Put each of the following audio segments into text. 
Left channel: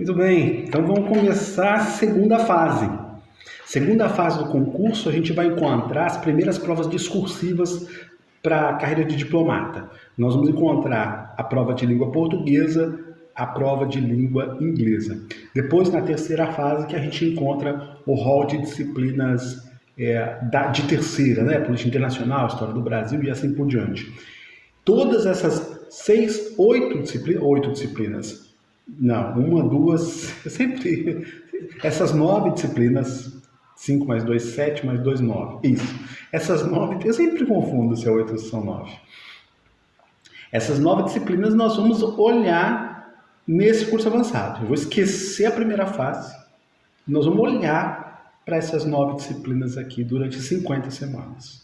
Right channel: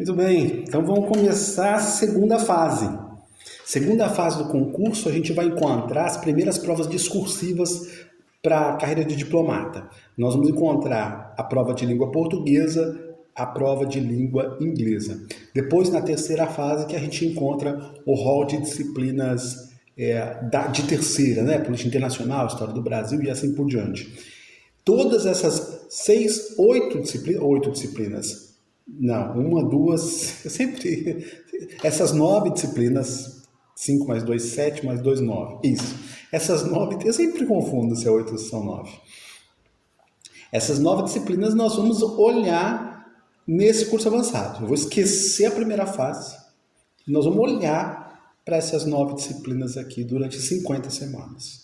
Muito bem, então vamos começar a segunda fase. Segunda fase do concurso, a gente vai encontrar as primeiras provas discursivas para a carreira de diplomata. Nós vamos encontrar a prova de língua portuguesa, a prova de língua inglesa. Depois, na terceira fase, que a gente encontra o rol de disciplinas de terceira, né? Política internacional, história do Brasil e assim por diante. Todas essas oito disciplinas, não, uma, duas, sempre, essas 9 disciplinas, 5 mais 2, 7 mais 2, 9, isso. Essas 9, eu sempre confundo se é 8 ou se são 9. Essas 9 disciplinas nós vamos olhar nesse curso avançado. Eu vou esquecer a primeira fase, nós vamos olhar para essas 9 disciplinas aqui durante 50 semanas.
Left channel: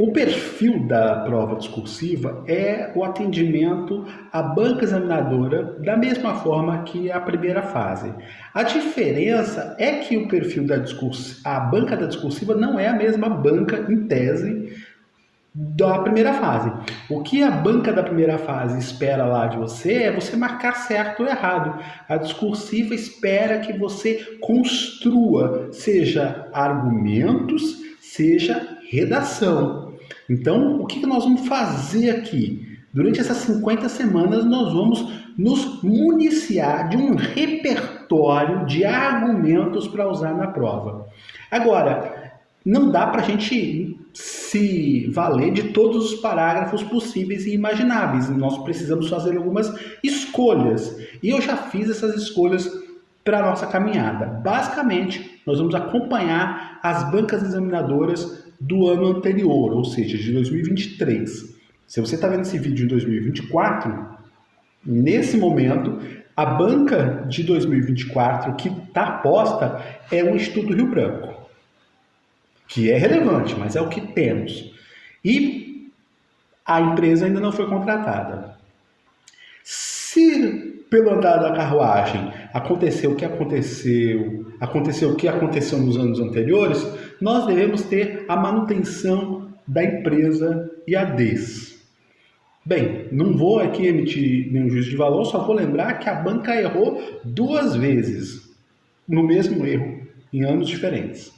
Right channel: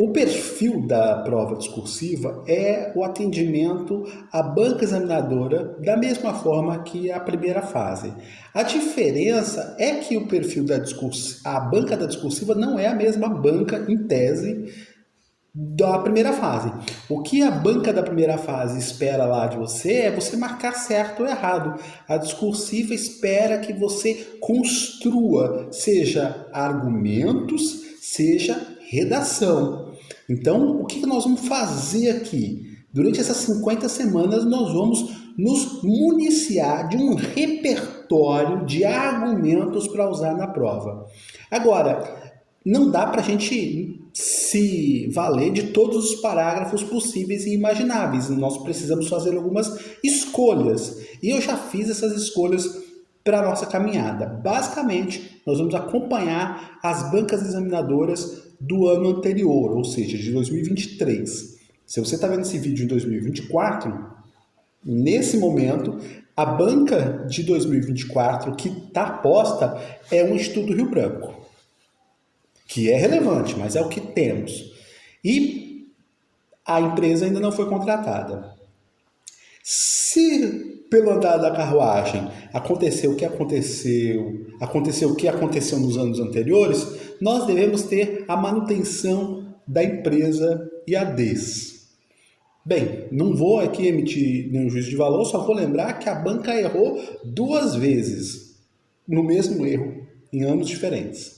O perfil da prova discursiva é o atendimento à banca examinadora da mesma forma que a primeira fase. A diferença é que o perfil a banca da discursiva não é a mesma banca, em tese, da primeira fase. O que a banca da primeira fase espera lá de você é você marcar certo ou errado. A discursiva espera que você construa, seja argumentos, seja redação. Então, o que nós vamos fazer aqui? Durante essas 50 semanas, nós vamos nos municiar de um repertório de argumentos para usar na prova. Agora, não dá para a gente se valer de todos os parágrafos possíveis e imagináveis. Nós precisamos fazer algumas escolhas. E eu já fiz essas escolhas para a nossa caminhada. Basicamente, nós vamos acompanhar as bancas examinadoras do ano anterior, ou seja, de 2023. Se você está vendo esse vídeo em 2024, nesse momento, a banca de 2024 que está posta é o Instituto Rio Branco, que é relevante, mas é o que temos. E a empresa ainda não foi contratada. Se pelo andar da carruagem aconteceu o que aconteceu nos anos anteriores, nós devemos ter a manutenção da empresa e a DES. Bem, não vou aqui emitir nenhum juízo de valor, só vou lembrar que a banca errou 2 vezes no mesmo erro, em anos diferentes.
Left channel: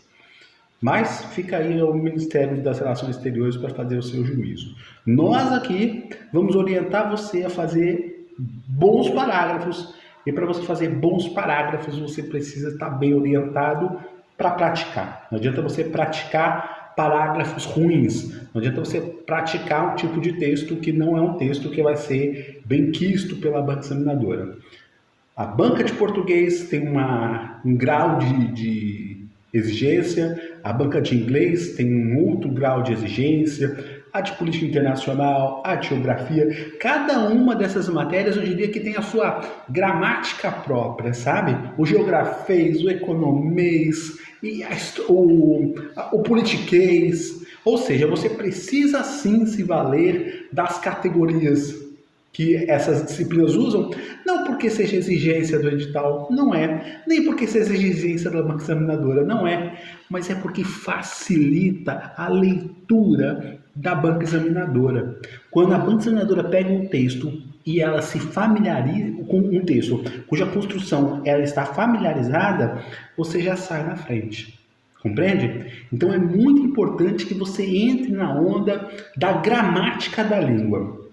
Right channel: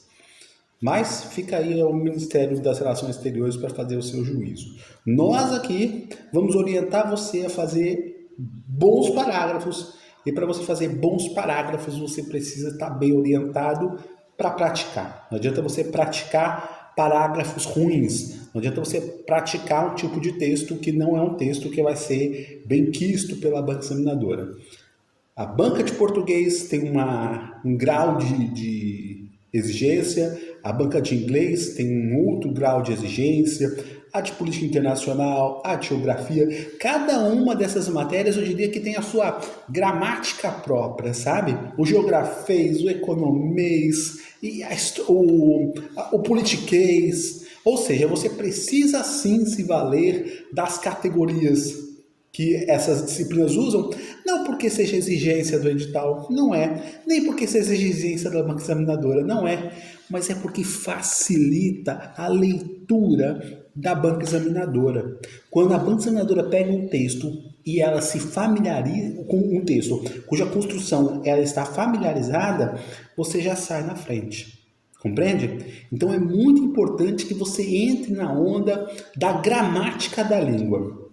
Mas fica aí o Ministério das Relações Exteriores para fazer o seu juízo. Nós aqui vamos orientar você a fazer bons parágrafos, e para você fazer bons parágrafos você precisa estar bem orientado para praticar. Não adianta você praticar parágrafos ruins, não adianta você praticar um tipo de texto que não é um texto que vai ser bem quisto pela banca examinadora. A banca de português tem um grau de exigência, a banca de inglês tem um outro grau de exigência, a de política internacional, a de geografia, cada uma dessas matérias eu diria que tem a sua gramática própria, sabe? O geografês, o economês, e o politiquês, ou seja, você precisa sim se valer das categorias que essas disciplinas usam, não porque seja exigência do edital, não é, nem porque seja exigência da banca examinadora, não é, mas é porque facilita a leitura da banca examinadora. Quando a banca examinadora pega um texto e ela se familiariza com um texto cuja construção ela está familiarizada, você já sai na frente. Compreende? Então é muito importante que você entre na onda da gramática da língua.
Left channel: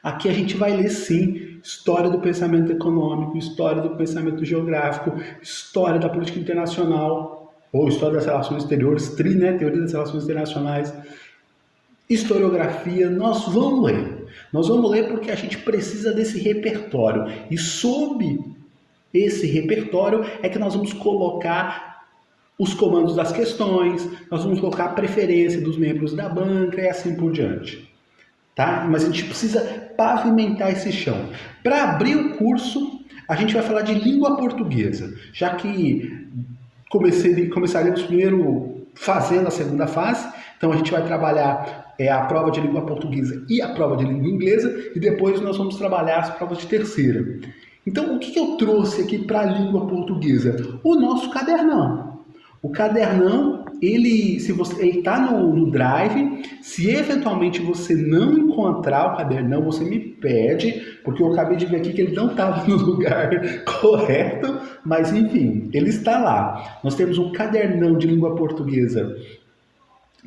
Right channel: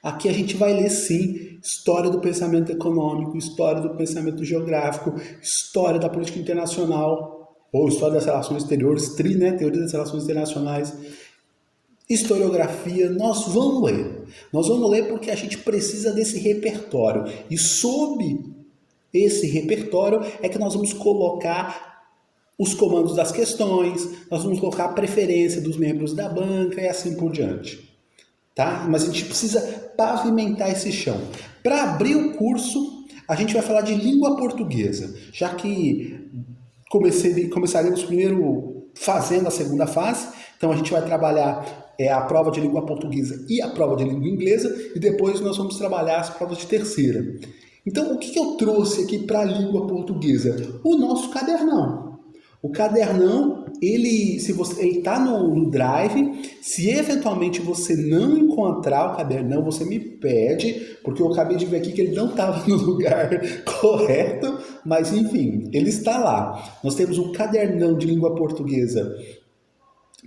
Aqui a gente vai ler sim história do pensamento econômico, história do pensamento geográfico, história da política internacional, ou história das relações exteriores, teoria das relações internacionais, historiografia. Nós vamos ler. Nós vamos ler porque a gente precisa desse repertório. E sob esse repertório é que nós vamos colocar os comandos das questões, nós vamos colocar a preferência dos membros da banca e assim por diante. Tá? Mas a gente precisa pavimentar esse chão. Para abrir o curso, a gente vai falar de língua portuguesa, já que começaremos primeiro fazendo a segunda fase, então a gente vai trabalhar a prova de língua portuguesa e a prova de língua inglesa, e depois nós vamos trabalhar as provas de terceira. Então, o que eu trouxe aqui para a língua portuguesa? O nosso cadernão. O cadernão ele está no Drive. Se eventualmente você não encontrar o cadernão, você me pede, porque eu acabei de ver aqui que ele não estava no lugar correto, mas enfim, ele está lá. Nós temos um cadernão de língua portuguesa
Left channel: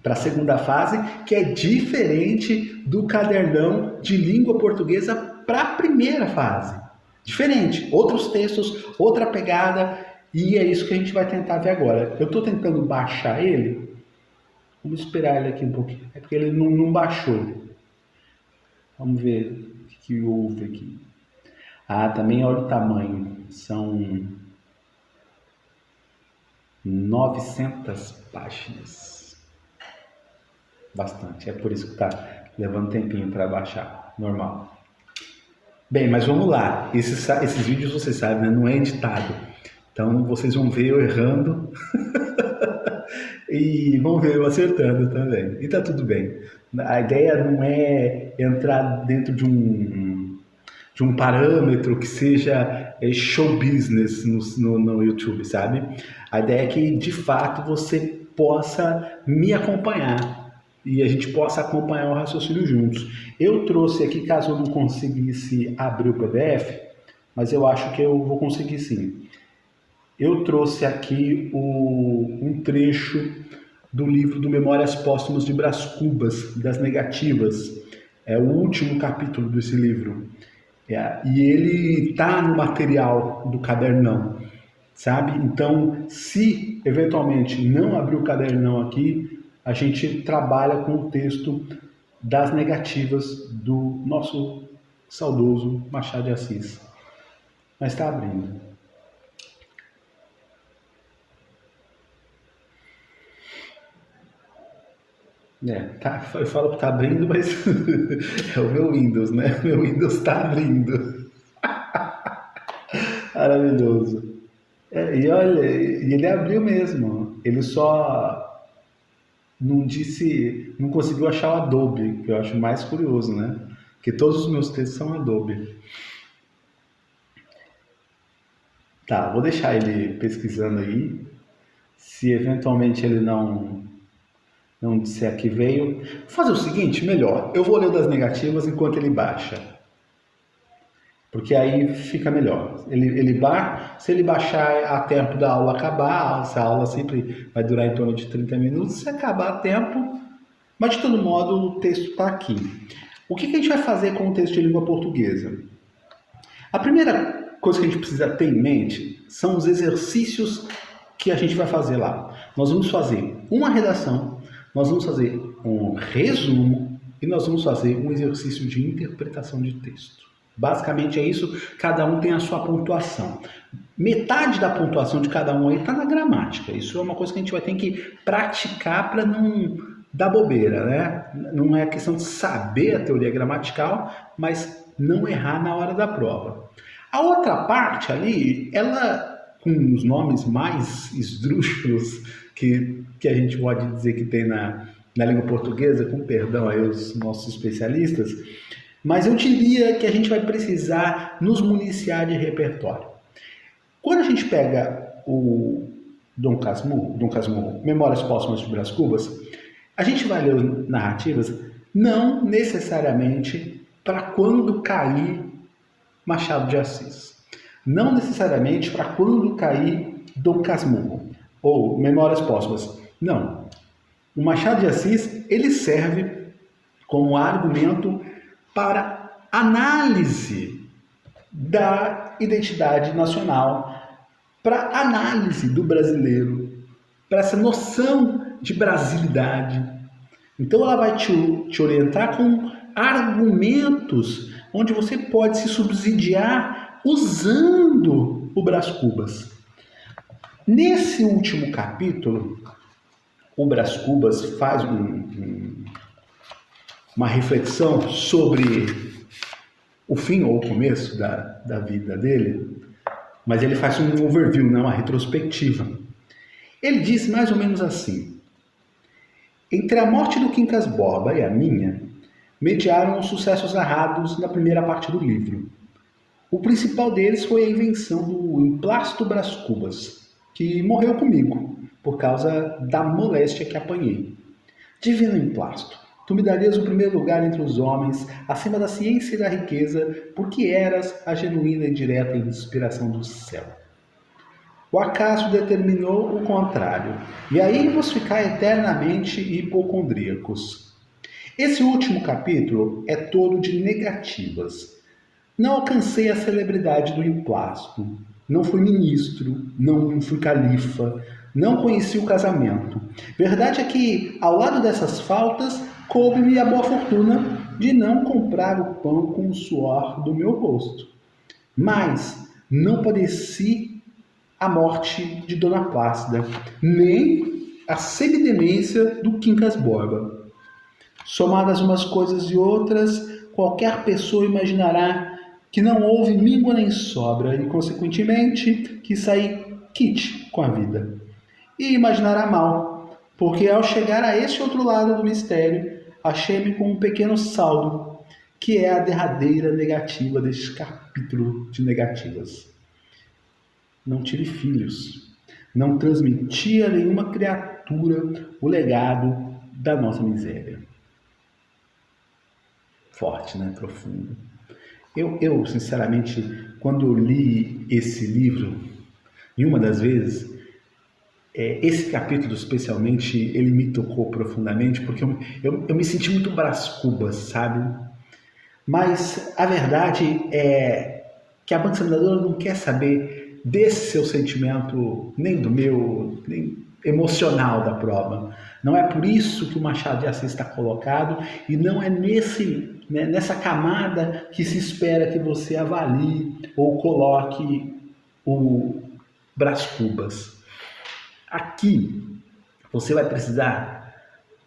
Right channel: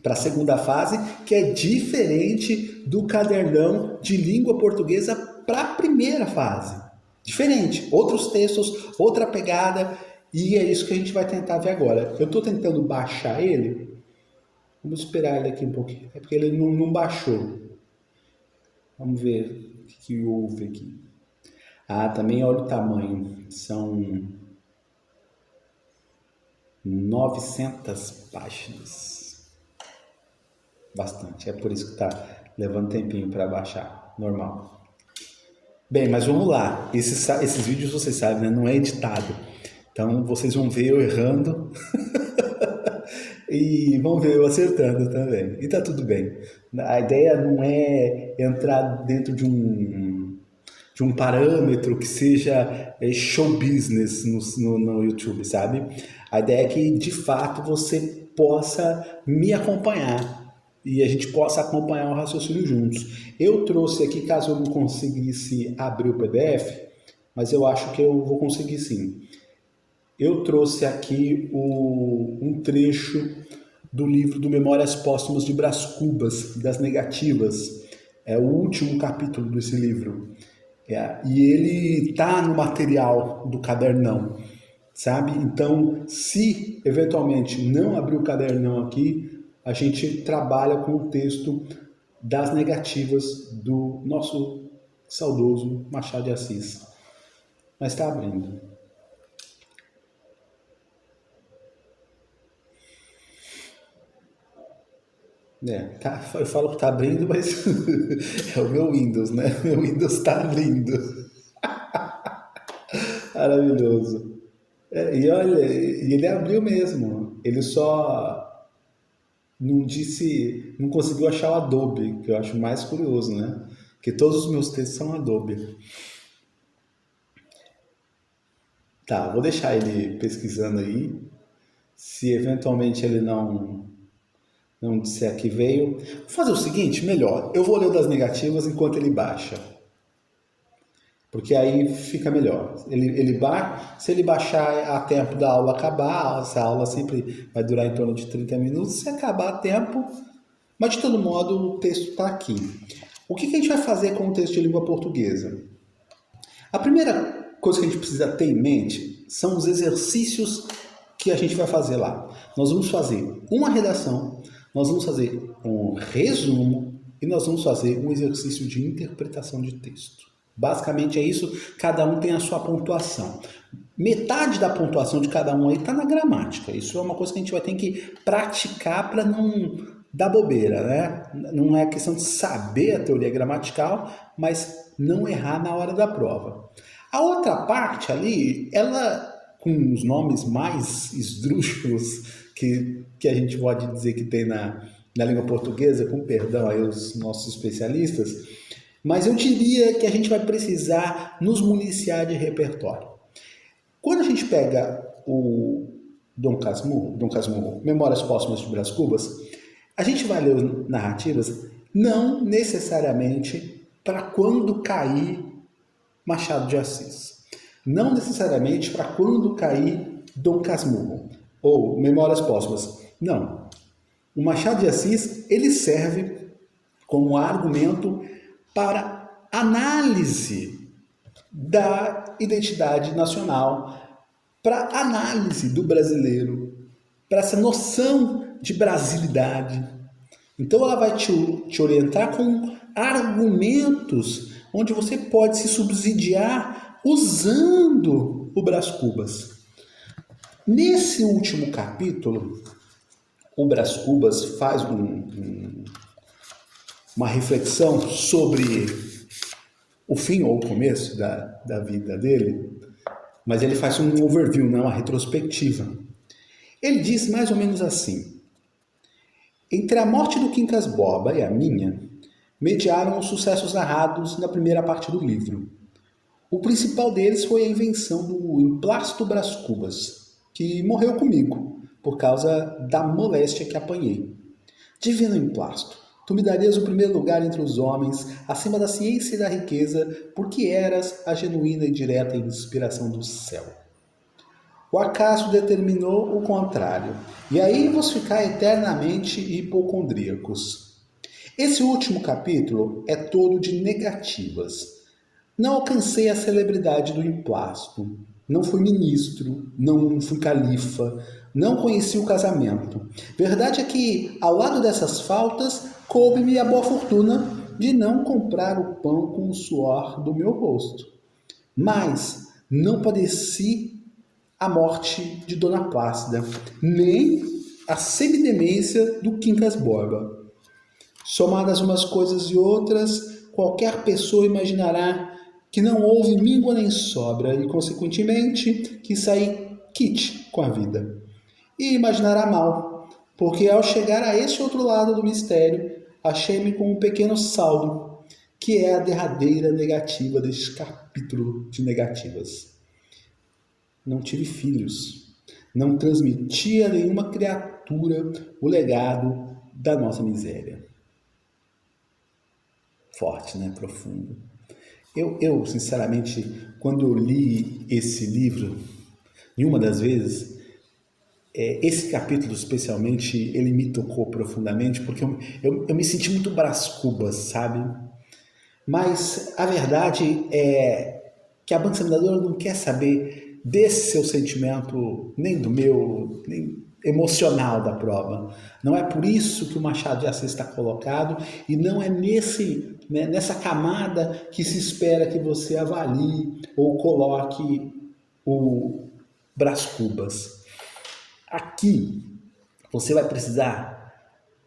para a segunda fase, que é diferente do cadernão de língua portuguesa para a primeira fase. Diferente, outros textos, outra pegada, e é isso que a gente vai tentar ver agora. Eu estou tentando baixar ele, vamos esperar ele aqui um pouquinho, é porque ele não baixou. Vamos ver o que houve aqui. Ah, também olha o tamanho, são 900 páginas. Bastante, é por isso que está levando tempinho para baixar, normal. Bem, mas vamos lá, esses vídeos vocês sabem, né? Não é editado, então vocês vão ver eu errando e vão ver eu acertando também, e tá tudo bem. A ideia não é entrar dentro de um parâmetro que seja show business no YouTube, sabe? A ideia é que de fato você possa me acompanhar e a gente possa acompanhar o raciocínio juntos. Eu trouxe aqui, caso eu não conseguisse abrir o PDF, mas eu acho que eu vou conseguir sim. Eu trouxe aqui um trecho do livro do Memórias Póstumas de Brás Cubas, das Negativas. É o último capítulo desse livro. E ele está no material do cadernão, sabe? Então, se eventualmente não abrir o cadernão aqui, a gente trabalha com o texto das Negativas do nosso saudoso Machado de Assis. Mas está abrindo. Eu falo que está abrindo, mas é o meu Windows, né? Meu Windows está abrindo. Maravilhoso. E olha, ele abriu mesmo. Ele só não conseguiu achar o Adobe, que eu acho mais curioso, né? Porque todos os meus textos são Adobe. Tá, vou deixar ele pesquisando aí. Se eventualmente ele não disser que veio, vou fazer o seguinte, melhor, eu vou ler o das Negativas enquanto ele baixa. Porque aí fica melhor. Se ele baixar a tempo da aula acabar, essa aula sempre vai durar em torno de 30 minutos, se acabar a tempo, mas de todo modo o texto está aqui. O que a gente vai fazer com o texto de língua portuguesa? A primeira coisa que a gente precisa ter em mente são os exercícios que a gente vai fazer lá. Nós vamos fazer uma redação, nós vamos fazer um resumo e nós vamos fazer um exercício de interpretação de texto. Basicamente é isso, cada um tem a sua pontuação. Metade da pontuação de cada um aí está na gramática. Isso é uma coisa que a gente vai ter que praticar para não dar bobeira, né? Não é questão de saber a teoria gramatical, mas não errar na hora da prova. A outra parte ali, ela com os nomes mais esdrúxulos que a gente pode dizer que tem na língua portuguesa, com perdão aí os nossos especialistas, mas eu diria que a gente vai precisar nos municiar de repertório. Quando a gente pega o Dom Casmurro, Memórias Póstumas de Brás Cubas, a gente vai ler narrativas não necessariamente para quando cair Machado de Assis. Não necessariamente para quando cair Dom Casmurro ou Memórias Póstumas. Não. O Machado de Assis, ele serve como argumento para análise da identidade nacional, para análise do brasileiro, para essa noção de brasilidade. Então ela vai te orientar com argumentos onde você pode se subsidiar usando o Brás Cubas. Nesse último capítulo, o Brás Cubas faz uma reflexão sobre o fim ou o começo da vida dele, mas ele faz um overview, não, uma retrospectiva. Ele diz mais ou menos assim: entre a morte do Quincas Borba e a minha, mediaram os sucessos narrados na primeira parte do livro. O principal deles foi a invenção do Emplácido Brás Cubas, que morreu comigo, por causa da moléstia que apanhei. Divino emplasto, tu me darias o primeiro lugar entre os homens, acima da ciência e da riqueza, porque eras a genuína e direta inspiração do céu. O acaso determinou o contrário, e aí vos ficai eternamente hipocondríacos. Esse último capítulo é todo de negativas. Não alcancei a celebridade do emplasto, não fui ministro, não fui califa, não conheci o casamento. Verdade é que, ao lado dessas faltas, coube-me a boa fortuna de não comprar o pão com o suor do meu rosto. Mas não padeci a morte de Dona Plácida, nem a semidemência do Quincas Borba. Somadas umas coisas e outras, qualquer pessoa imaginará que não houve míngua nem sobra e, consequentemente, que saí quite com a vida. E imaginará mal, porque ao chegar a esse outro lado do mistério, achei-me com um pequeno saldo, que é a derradeira negativa deste capítulo de negativas. Não tive filhos, não transmiti a nenhuma criatura o legado da nossa miséria. Forte, né? Profundo. Eu, sinceramente, quando eu li esse livro, e uma das vezes, esse capítulo especialmente, ele me tocou profundamente, porque eu me senti muito Brás Cubas, sabe? Mas a verdade é que a banca examinadora não quer saber desse seu sentimento, nem do meu, nem emocional da prova. Não é por isso que o Machado de Assis está colocado e não é nessa camada que se espera que você avalie ou coloque o Brás Cubas. Aqui você vai precisar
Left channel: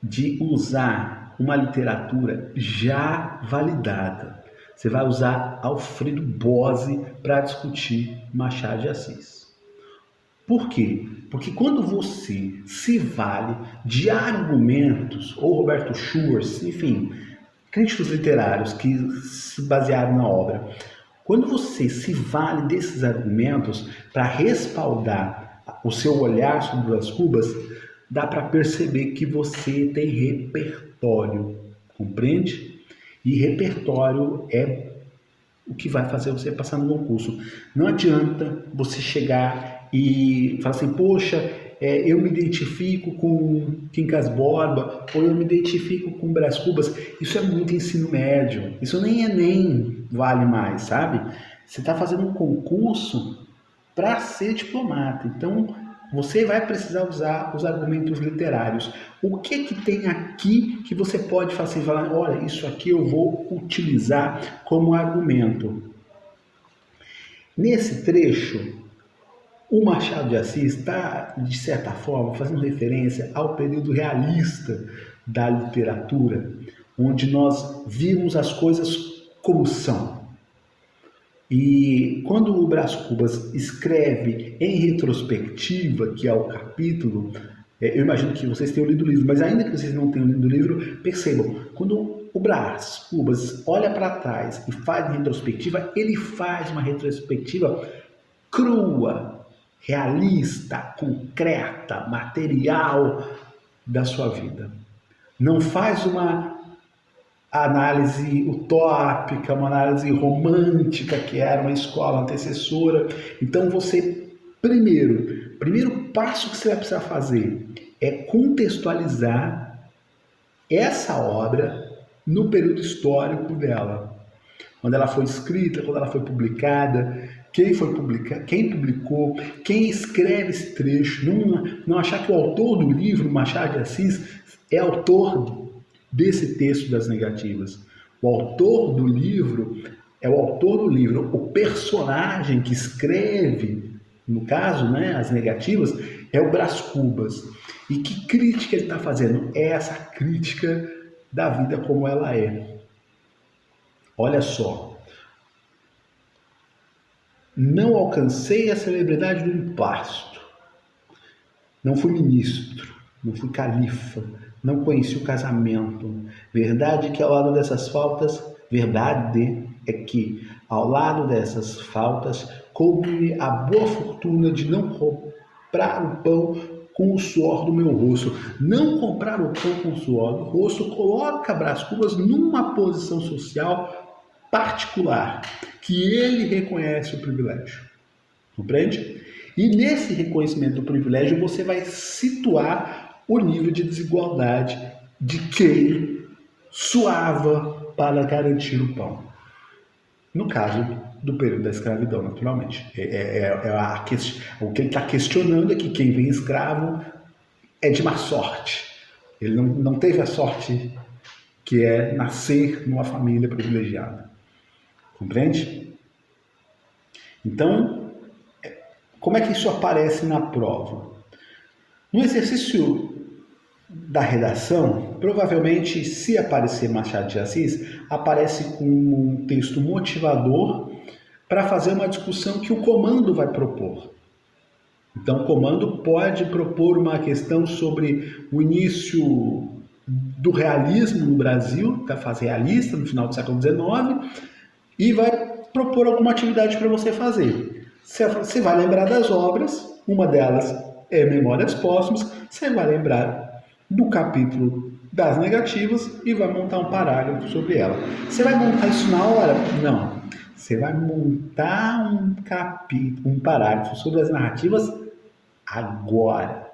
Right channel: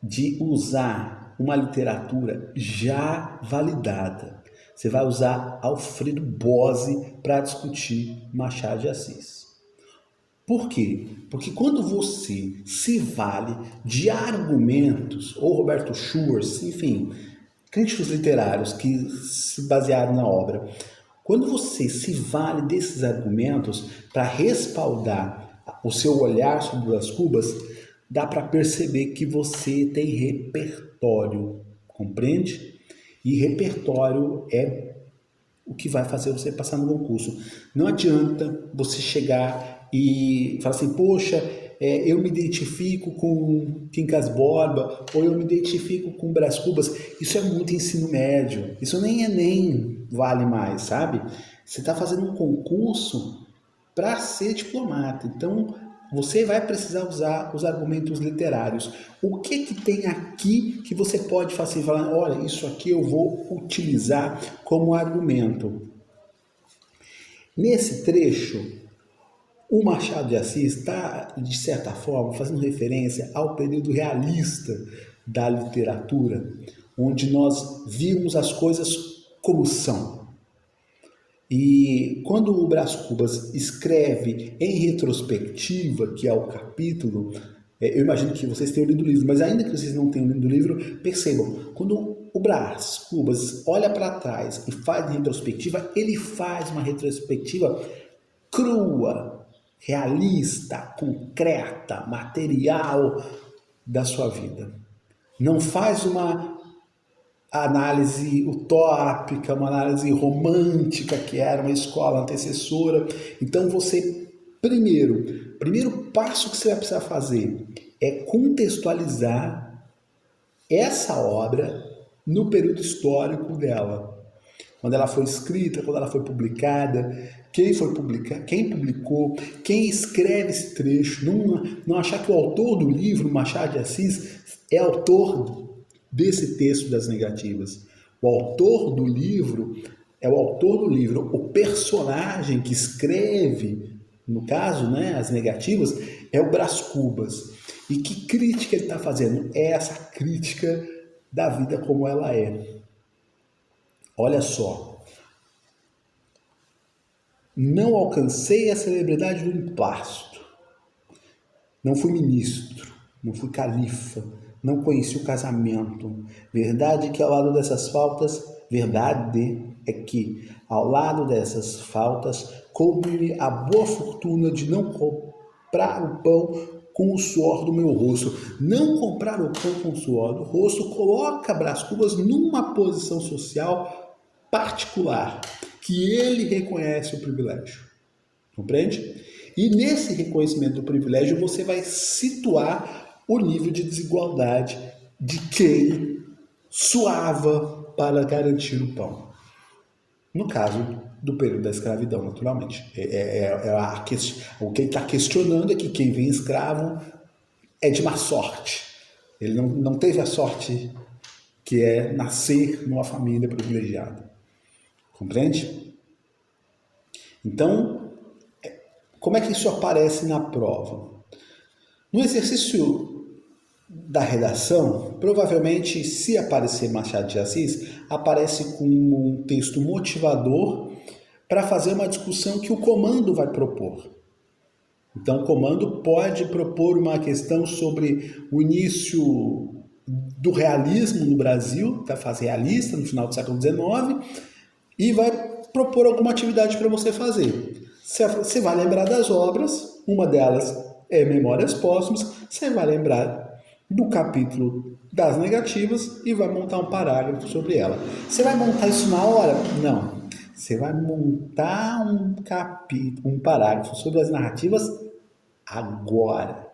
de usar uma literatura já validada. Você vai usar Alfredo Bose para discutir Machado de Assis. Por quê? Porque quando você se vale de argumentos, ou Roberto Schwartz, enfim, críticos literários que se basearam na obra, quando você se vale desses argumentos para respaldar o seu olhar sobre as Cubas, dá para perceber que você tem repertório, compreende? E repertório é o que vai fazer você passar no concurso. Não adianta você chegar e falar assim, poxa, eu me identifico com Quincas Borba, ou eu me identifico com Brás Cubas. Isso é muito ensino médio, isso nem Enem vale mais, sabe? Você está fazendo um concurso para ser diplomata, então você vai precisar usar os argumentos literários. O que tem aqui que você pode falar, olha, isso aqui eu vou utilizar como argumento. Nesse trecho, o Machado de Assis está, de certa forma, fazendo referência ao período realista da literatura, onde nós vimos as coisas como são. E quando o Brás Cubas escreve em retrospectiva, que é o capítulo, eu imagino que vocês tenham lido o livro, mas ainda que vocês não tenham lido o livro, percebam, quando o Brás Cubas olha para trás e faz retrospectiva, ele faz uma retrospectiva crua, realista, concreta, material da sua vida. Não faz uma análise utópica, uma análise romântica, que era uma escola antecessora. Então você, primeiro passo que você vai precisar fazer é contextualizar essa obra no período histórico dela. Quando ela foi escrita, quando ela foi publicada, quem publicou, quem escreve esse trecho. Não achar que o autor do livro, Machado de Assis, é autor desse texto das negativas. O autor do livro é o autor do livro. O personagem que escreve, no caso, né, as negativas, é o Brás Cubas. E que crítica ele está fazendo? É essa crítica da vida como ela é. Olha só. Não alcancei a celebridade do emplasto. Não fui ministro, não fui califa, não conheci o casamento. Verdade que ao lado dessas faltas, verdade é que ao lado dessas faltas, coube-me a boa fortuna de não comprar o pão com o suor do meu rosto. Não comprar o pão com o suor do rosto coloca Brás Cubas numa posição social particular, que ele reconhece o privilégio. Compreende? E nesse reconhecimento do privilégio você vai situar o nível de desigualdade de quem suava para garantir o pão. No caso do período da escravidão, naturalmente. O que ele está questionando é que quem vem escravo é de má sorte. Ele não teve a sorte que é nascer numa família privilegiada. Compreende? Então, como é que isso aparece na prova? No exercício da redação, provavelmente, se aparecer Machado de Assis, aparece com um texto motivador para fazer uma discussão que o comando vai propor. Então, o comando pode propor uma questão sobre o início do realismo no Brasil, da fase realista, no final do século XIX, e vai propor alguma atividade para você fazer. Você vai lembrar das obras, uma delas é Memórias Póstumas, você vai lembrar do capítulo das negativas e vai montar um parágrafo sobre ela. Você vai montar isso na hora? Não. Você vai montar um parágrafo sobre as narrativas agora,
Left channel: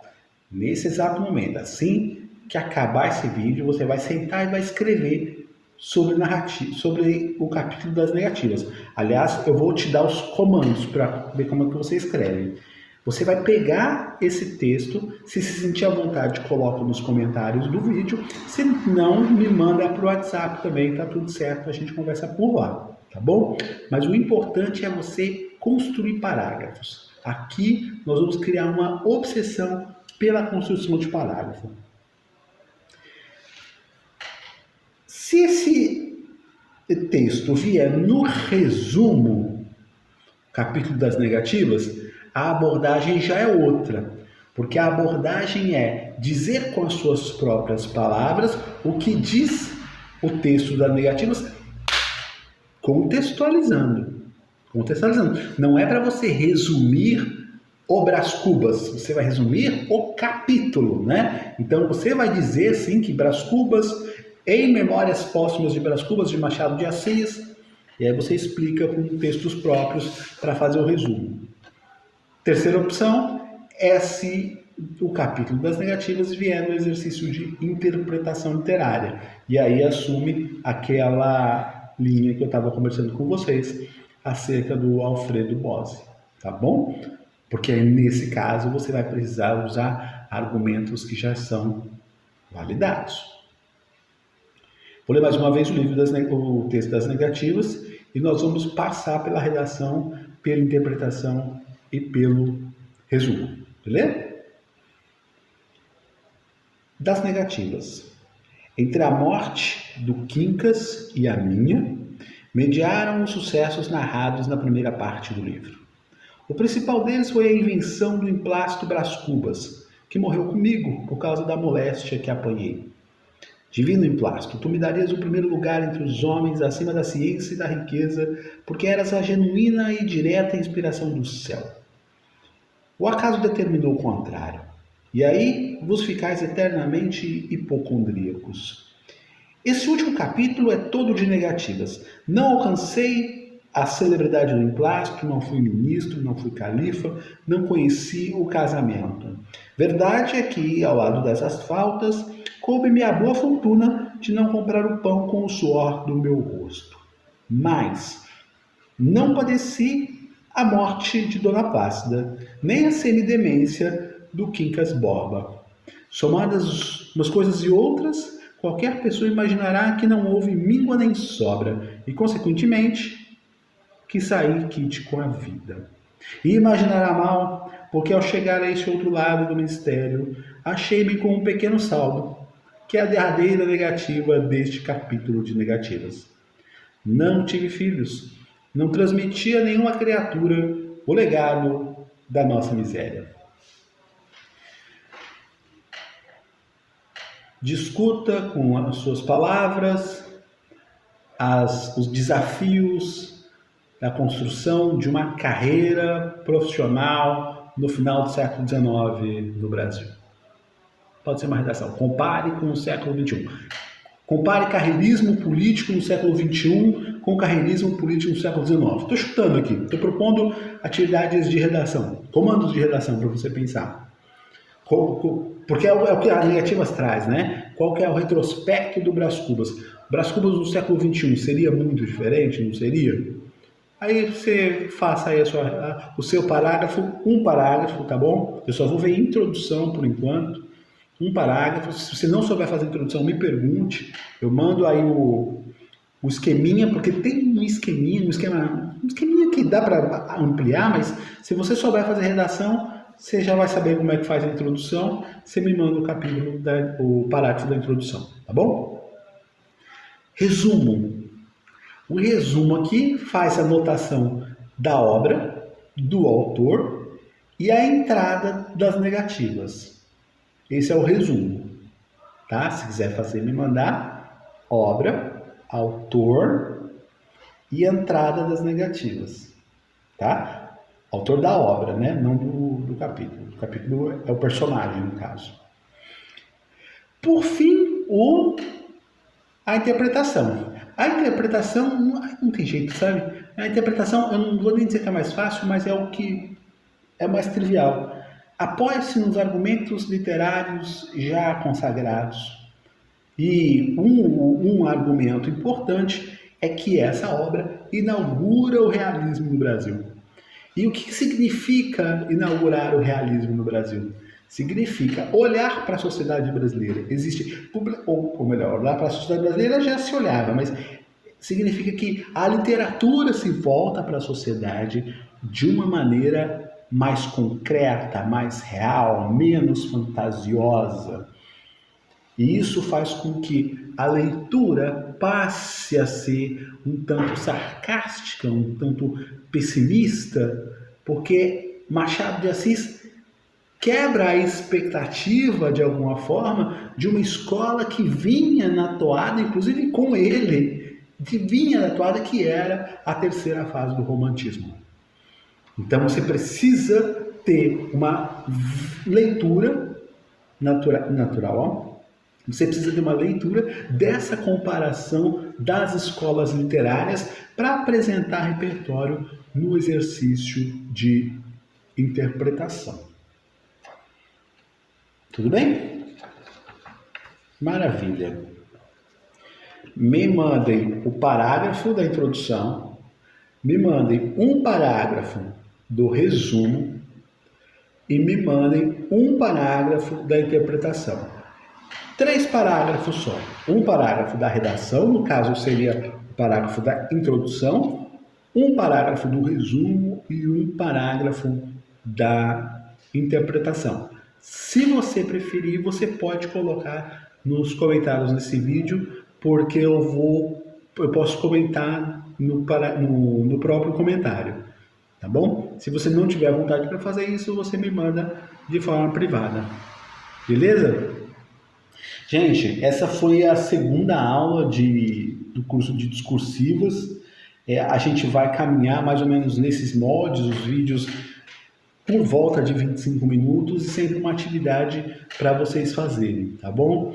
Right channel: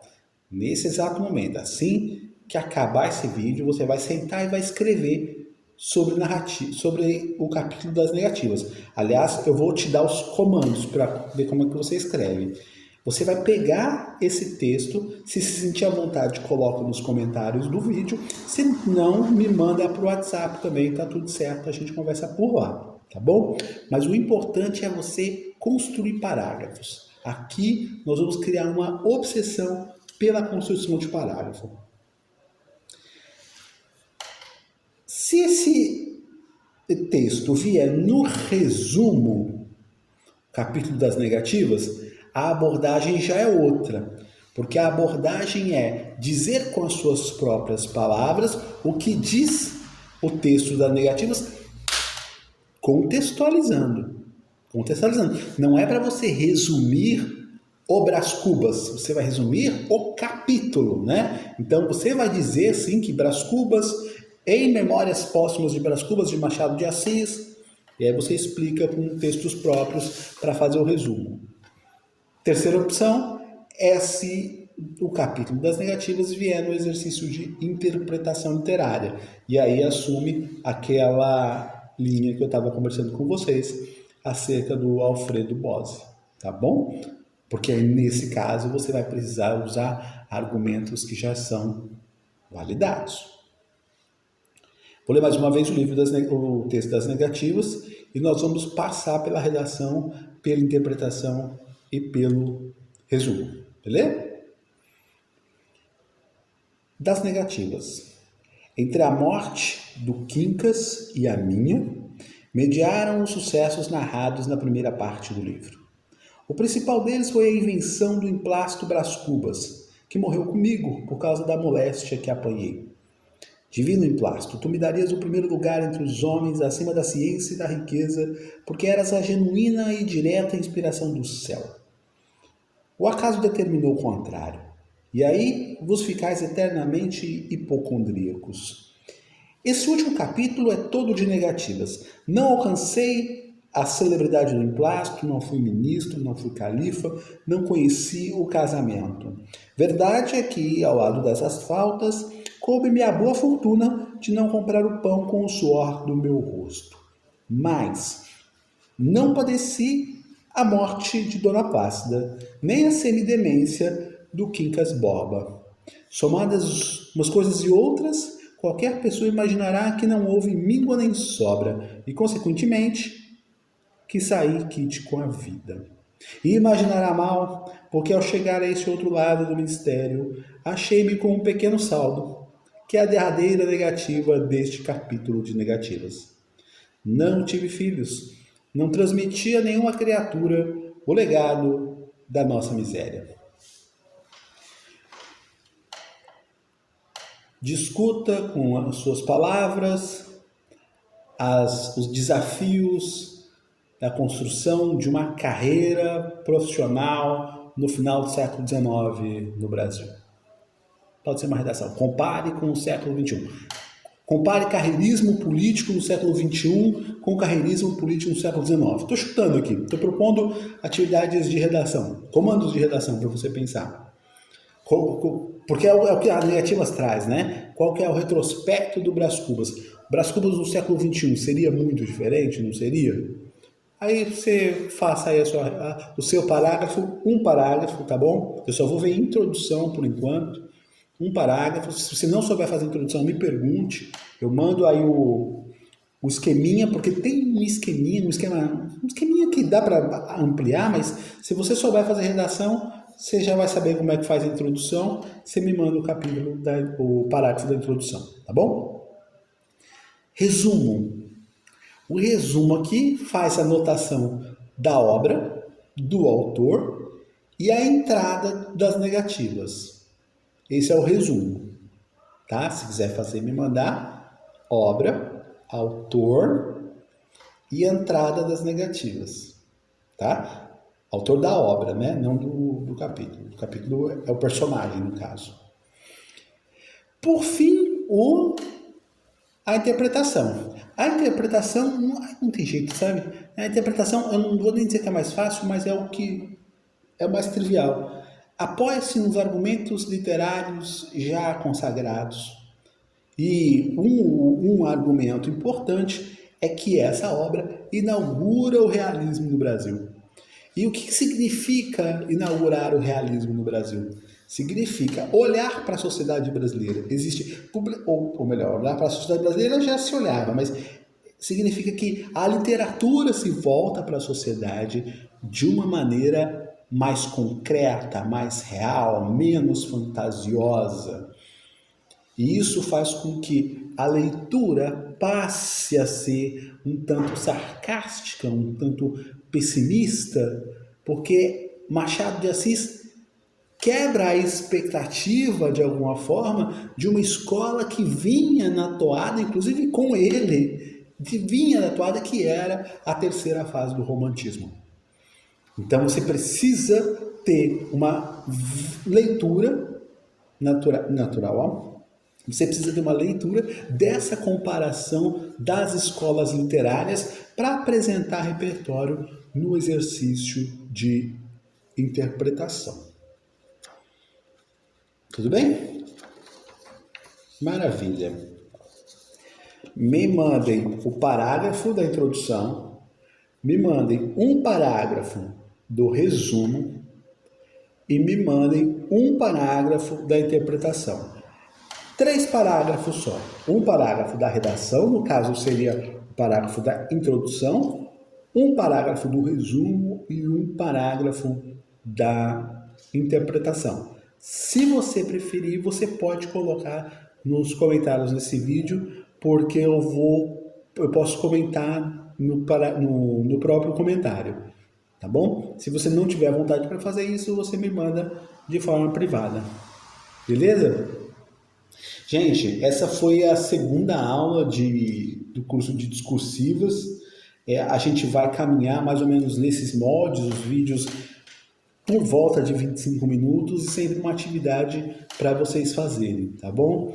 nesse exato momento. Assim que acabar esse vídeo, você vai sentar e vai escrever sobre o capítulo das negativas. Aliás, eu vou te dar os comandos para ver como é que você escreve. Você vai pegar esse texto, se sentir à vontade, coloca nos comentários do vídeo. Se não, me manda para o WhatsApp também, tá tudo certo, a gente conversa por lá, tá bom? Mas o importante é você construir parágrafos. Aqui nós vamos criar uma obsessão pela construção de parágrafo. Se esse texto vier no resumo, capítulo das negativas, a abordagem já é outra, porque a abordagem é dizer com as suas próprias palavras o que diz o texto das negativas, contextualizando. Não é para você resumir o Brás Cubas, você vai resumir o capítulo, né? Então você vai dizer sim que Brás Cubas, em Memórias Póstumas de Brás Cubas de Machado de Assis, e aí você explica com textos próprios para fazer o resumo. Terceira opção é se o capítulo das negativas vier no exercício de interpretação literária. E aí assume aquela linha que eu estava conversando com vocês acerca do Alfredo Bose, tá bom? Porque aí, nesse caso você vai precisar usar argumentos que já são validados. Vou ler mais uma vez o texto das negativas e nós vamos passar pela redação, pela interpretação e pelo resumo, beleza? Das negativas. Entre a morte do Quincas e a minha, mediaram os sucessos narrados na primeira parte do livro. O principal deles foi a invenção do emplasto Brás Cubas, que morreu comigo por causa da moléstia que apanhei. Divino emplasto, tu me darias o primeiro lugar entre os homens acima da ciência e da riqueza, porque eras a genuína e direta inspiração do céu. O acaso determinou o contrário, e aí vos ficais eternamente hipocondríacos. Esse último capítulo é todo de negativas. Não alcancei a celebridade do emplasto, não fui ministro, não fui califa, não conheci o casamento. Verdade é que, ao lado dessas faltas, coube-me a boa fortuna de não comprar o pão com o suor do meu rosto. Mas não padeci a morte de Dona Plácida, nem a semidemência do Quincas Borba. Somadas umas coisas e outras, qualquer pessoa imaginará que não houve míngua nem sobra, e, consequentemente, que saí quite com a vida. E imaginará mal, porque ao chegar a esse outro lado do mistério, achei-me com um pequeno saldo, que é a derradeira negativa deste capítulo de negativas. Não tive filhos, não transmiti a nenhuma criatura o legado da nossa miséria. Discuta com as suas palavras os desafios da construção de uma carreira profissional no final do século XIX no Brasil. Pode ser uma redação. Compare com o século XXI. Compare carreirismo político no século XXI com carreirismo político no século XIX. Estou chutando aqui, estou propondo atividades de redação, comandos de redação para você pensar. Porque é o que as negativas traz, né? Qual que é o retrospecto do Brás Cubas? Brás Cubas do século XXI seria muito diferente, não seria? Aí você faça aí o seu parágrafo, um parágrafo, tá bom? Eu só vou ver introdução por enquanto. Um parágrafo. Se você não souber fazer introdução, me pergunte. Eu mando aí o esqueminha, porque tem um esqueminha que dá para ampliar, mas se você souber fazer redação, você já vai saber como é que faz a introdução. Você me manda o parágrafo da introdução, tá bom? Resumo. O resumo aqui faz a anotação da obra, do autor e a entrada das negativas. Esse é o resumo, tá? Se quiser fazer, me mandar obra, autor e entrada das negativas, tá? Autor da obra, né? Não do capítulo. O capítulo é o personagem, no caso. Por fim, a interpretação. A interpretação não tem jeito, sabe? A interpretação, eu não vou nem dizer que é mais fácil, mas é o que é mais trivial. Apoia-se nos argumentos literários já consagrados. E um argumento importante é que essa obra inaugura o realismo no Brasil. E o que significa inaugurar o realismo no Brasil? Significa olhar para a sociedade brasileira. Ou melhor, olhar para a sociedade brasileira já se olhava, mas significa que a literatura se volta para a sociedade de uma maneira mais concreta, mais real, menos fantasiosa. E isso faz com que a leitura passe a ser um tanto sarcástica, um tanto pessimista, porque Machado de Assis quebra a expectativa, de alguma forma, de uma escola que vinha na toada, inclusive com ele, vinha na toada que era a terceira fase do romantismo. Então você precisa ter uma leitura natural, você precisa ter uma leitura dessa comparação das escolas literárias para apresentar repertório no exercício de interpretação. Tudo bem? Maravilha. Me mandem o parágrafo da introdução, me mandem um parágrafo do resumo e me mandem um parágrafo da interpretação. 3 parágrafos só. Um parágrafo da redação, no caso seria o parágrafo da introdução, um parágrafo do resumo e um parágrafo da interpretação. Se você preferir, você pode colocar nos comentários desse vídeo, porque eu posso comentar no próprio comentário, tá bom? Se você não tiver vontade para fazer isso, você me manda de forma privada, beleza? Gente, essa foi a segunda aula do curso de discursivas. A gente vai caminhar mais ou menos nesses moldes, os vídeos por volta de 25 minutos e sempre uma atividade para vocês fazerem, tá bom?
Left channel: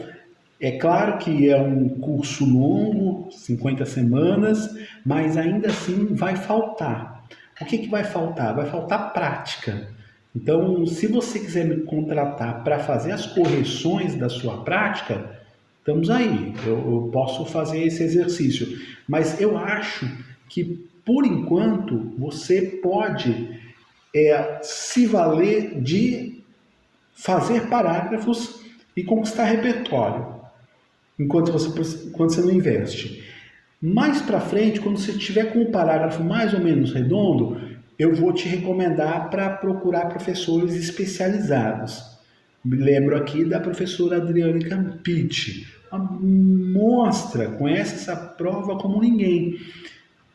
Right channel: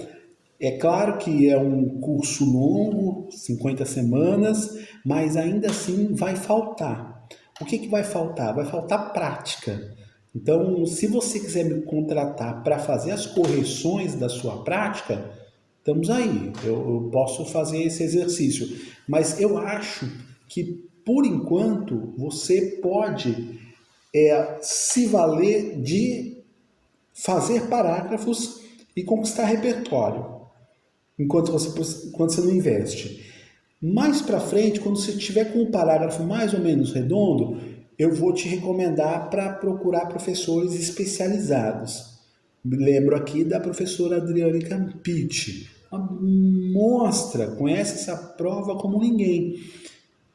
É claro que é um curso longo, 50 semanas, mas ainda assim vai faltar. O que vai faltar? Vai faltar prática. Então, se você quiser me contratar para fazer as correções da sua prática, estamos aí. Eu posso fazer esse exercício. Mas eu acho que, por enquanto, você pode se valer de fazer parágrafos e conquistar repertório, enquanto você não investe. Mais para frente, quando você tiver com um parágrafo mais ou menos redondo, eu vou te recomendar para procurar professores especializados. Me lembro aqui da professora Adriane Campitti. Uma monstra, conhece essa prova como ninguém.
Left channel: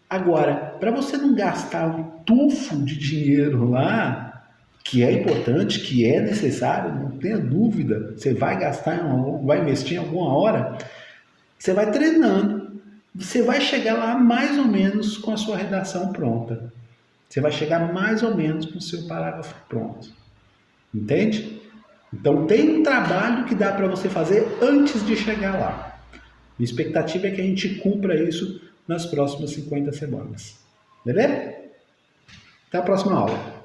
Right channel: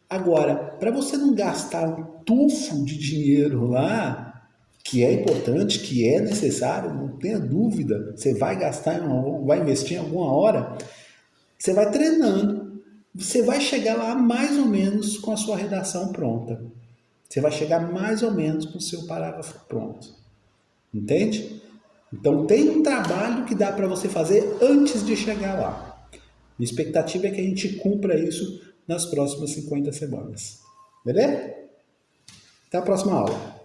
Agora, para você não gastar um tufo de dinheiro lá, que é importante, que é necessário, não tenha dúvida, você vai gastar, vai investir em alguma hora, você vai treinando, você vai chegar lá mais ou menos com a sua redação pronta. Você vai chegar mais ou menos com o seu parágrafo pronto. Entende? Então tem um trabalho que dá para você fazer antes de chegar lá. A expectativa é que a gente cumpra isso nas próximas 50 semanas. Beleza? Até a próxima aula.